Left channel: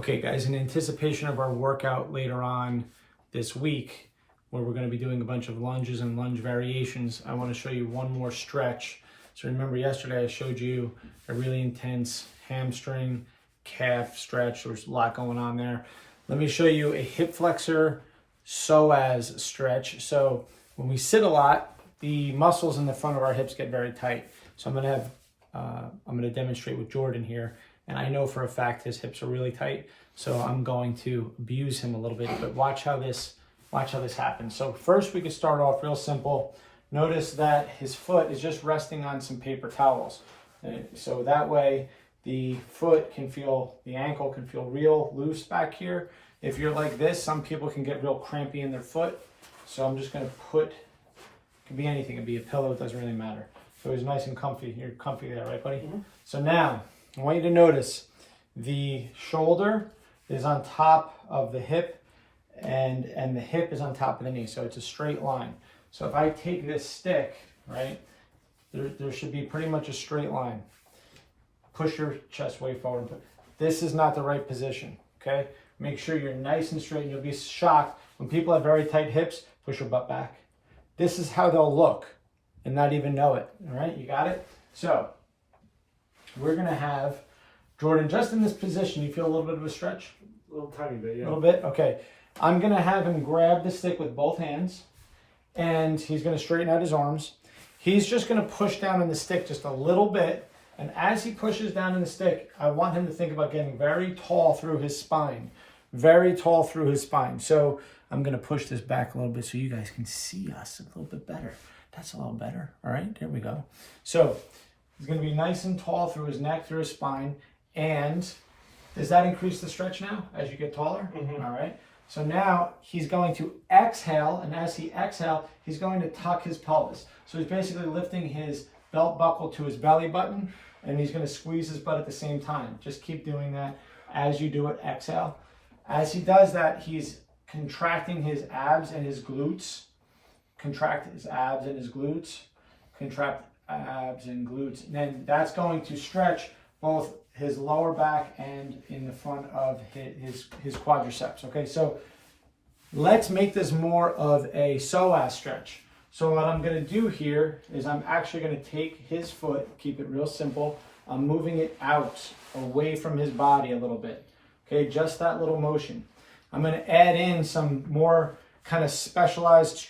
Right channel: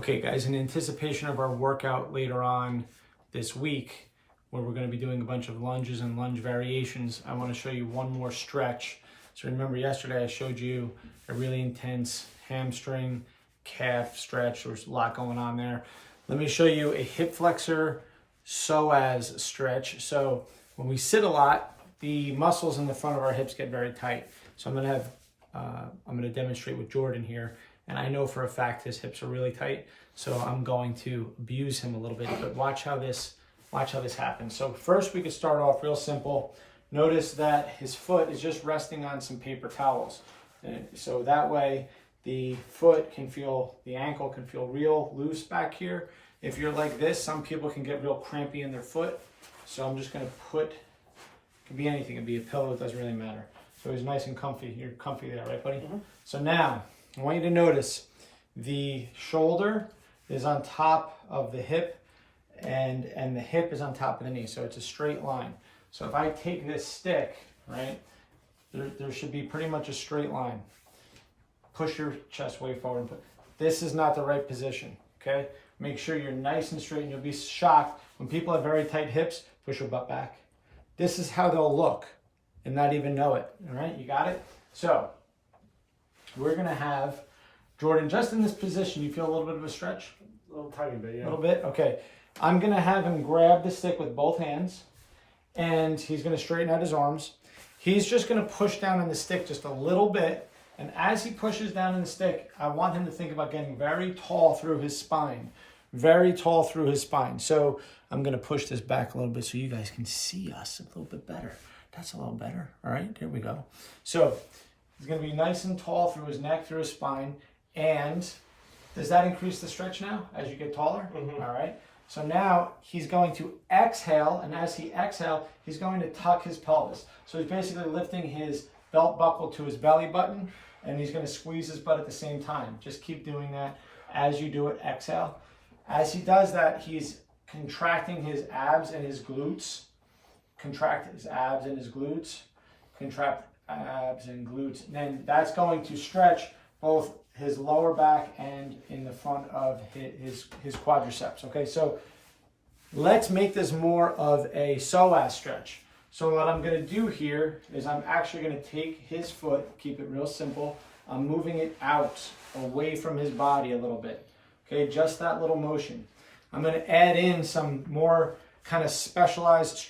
Okay guys, in anticipation of our workout later on this week, where we're going to be doing a bunch of lunges and lunge variations, I want to show you one more stretch. So remember yesterday I showed you a really intense hamstring calf stretch. There's a lot going on there. Let me show you a hip flexor psoas stretch. So when we sit a lot, the muscles in the front of our hips get very tight. So I'm going to demonstrate with Jordan here. And I know for a fact his hips are really tight, so I'm going to abuse him a little bit, but watch how this happens. So first we could start off real simple. Notice that his foot is just resting on some paper towels. And so that way the ankle can feel real loose back here. If you're like this, some people can get real crampy in their foot. So I'm just gonna it could be anything, it could be a pillow, it doesn't really matter. So he's nice and comfy. You're comfy there, right buddy? Mm-hmm. So now, I want you to notice the shoulder is on top of the hip and the hip is on top of the knee. So it's a straight line. So if I take this stick, right, there should be pretty much a straight line. Push your chest way forward. This is not the right position, okay? Make sure you're nice and straight, and you'll be shocked when people have very tight hips. Push your butt back. This is how they'll look and not even know it, all right? You got it? So we're gonna have Jordan just in this position. You feel a little bit of a stretch? A little tiny bit, yeah. A little bit? Okay. I'm gonna have him grab the stick with both hands and he's gonna straighten out his arms. He's just gonna push down in the stick just a little bit. And as he pushes down in the stick, I want him to think about getting very tall through his spine. Very tall through his spine. So I'm gonna push this back a little bit so you guys can see us a little bit better. That's a little better. All right, there we go. So he's going to be nice and tall through his neck, through his spine. And does that increase the stretch now as you get taller? Mm-hmm. All right. So now he's going to exhale. And as he exhales, he's going to tuck his pelvis. So he's basically lifting his belt buckle to his belly button. And he's going to squeeze his butt at the same time. Just keep doing that as you do it. Exhale. As he does that, he's contracting his abs and his glutes. Contract his abs and his glutes. Contract abs and glutes. And then that's going to stretch both his lower back and in the front of his quadriceps. Okay, so let's make this more of a psoas stretch. So what I'm going to do here is I'm actually going to take his foot, keep it real simple. I'm moving it out away from his body a little bit. Okay, just that little motion. I'm going to add in some more kind of specialized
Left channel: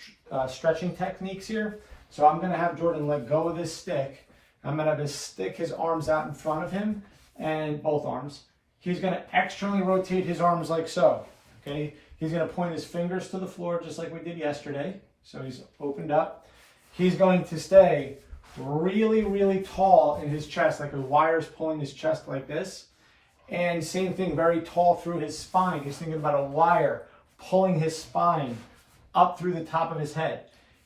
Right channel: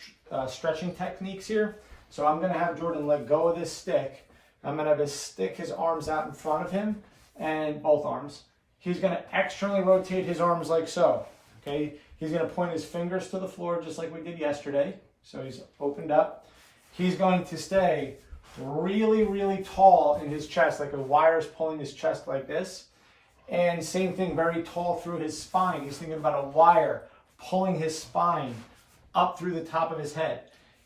stretching techniques here. So I'm going to have Jordan let go of this stick. I'm going to have him stick his arms out in front of him and both arms. He's going to externally rotate his arms like so. Okay, he's going to point his fingers to the floor just like we did yesterday. So he's opened up. He's going to stay really, really tall in his chest, like a wire's pulling his chest like this. And same thing, very tall through his spine. He's thinking about a wire pulling his spine up through the top of his head.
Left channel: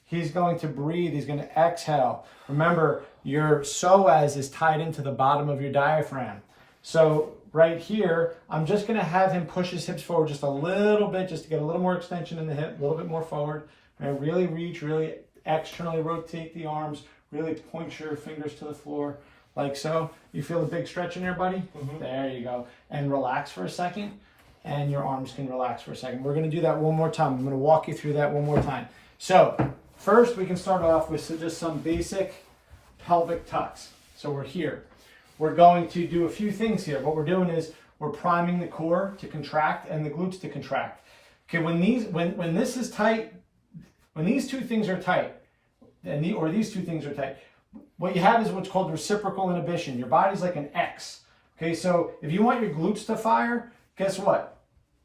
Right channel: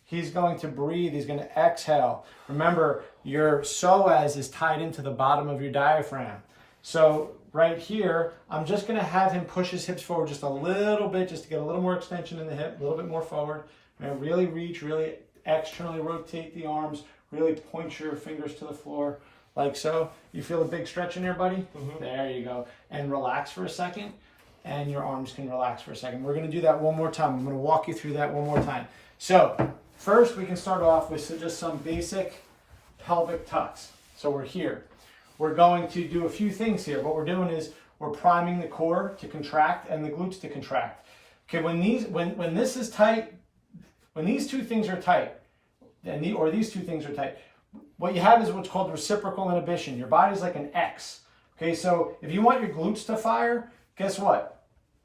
He's going to breathe. He's going to exhale. Remember, your psoas is tied into the bottom of your diaphragm. So right here, I'm just going to have him push his hips forward just a little bit, just to get a little more extension in the hip, a little bit more forward. And really reach, really externally rotate the arms, really point your fingers to the floor like so. You feel a big stretch in there, buddy? Mm-hmm. There you go. And relax for a second. And your arms can relax for a second. We're going to do that one more time. I'm going to walk you through that one more time. So first we can start off with just some basic pelvic tucks. So we're here. We're going to do a few things here. What we're doing is we're priming the core to contract and the glutes to contract. Okay, when this is tight, when these two things are tight, or these two things are tight, what you have is what's called reciprocal inhibition. Your body's like an X. Okay, so if you want your glutes to fire, guess what?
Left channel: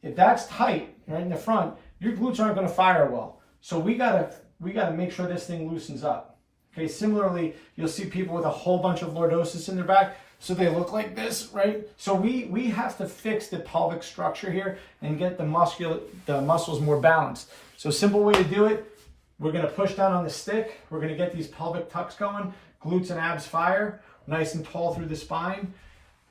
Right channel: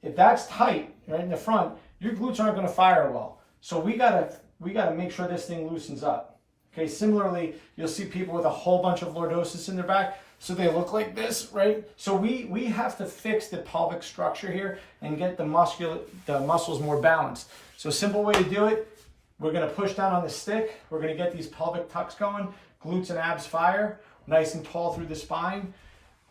If that's tight right in the front, your glutes aren't going to fire well. So we gotta make sure this thing loosens up. Okay. Similarly, you'll see people with a whole bunch of lordosis in their back, so they look like this, right? So we have to fix the pelvic structure here and get the muscles more balanced. So a simple way to do it: we're going to push down on the stick. We're going to get these pelvic tucks going. Glutes and abs fire, nice and tall through the spine.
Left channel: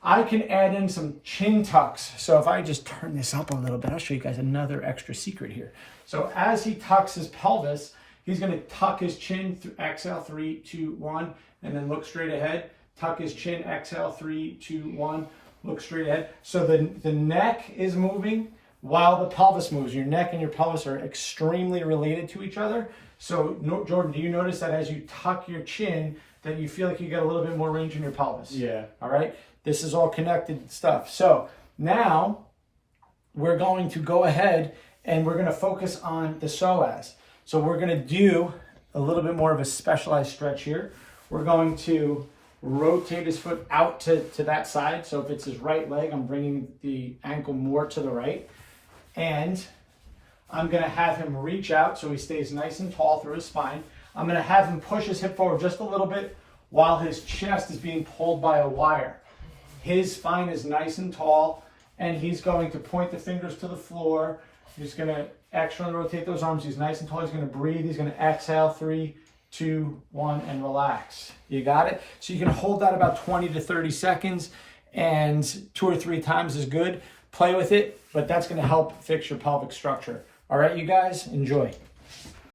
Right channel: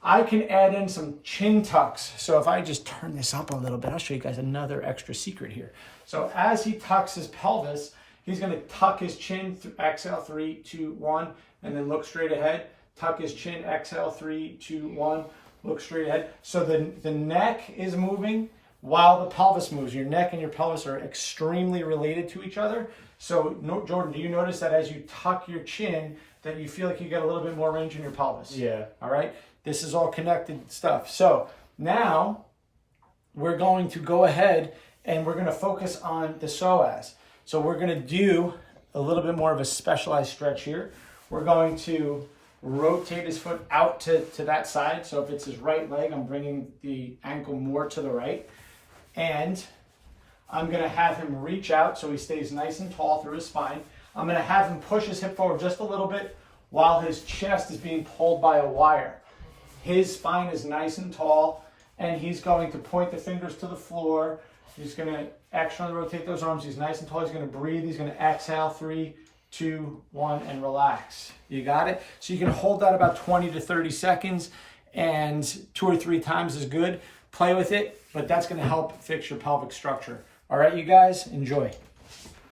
I can add in some chin tucks. So if I just turn this up a little bit, I'll show you guys another extra secret here. So as he tucks his pelvis, he's going to tuck his chin, exhale, 3, 2, 1, and then look straight ahead. Tuck his chin, exhale, 3, 2, 1. Look straight ahead. So the neck is moving while the pelvis moves. Your neck and your pelvis are extremely related to each other. So Jordan, do you notice that as you tuck your chin, that you feel like you get a little bit more range in your pelvis? Yeah. All right. This is all connected stuff. So now we're going to go ahead and we're going to focus on the psoas. So we're going to do a little bit more of a specialized stretch here. We're going to rotate his foot out to that side. So if it's his right leg, I'm bringing the ankle more to the right. And I'm going to have him reach out so he stays nice and tall through his spine. I'm going to have him push his hip forward just a little bit while his chest is being pulled by a wire. His spine is nice and tall, and he's going to point the fingers to the floor. He's going to externally rotate those arms. He's nice and tall. He's going to breathe. He's going to exhale. 3, 2, 1, and relax. You got it? So you can hold that about 20 to 30 seconds, and 2 or 3 times is good. Play with it, but that's going to help fix your pelvic structure. All right, you guys, enjoy.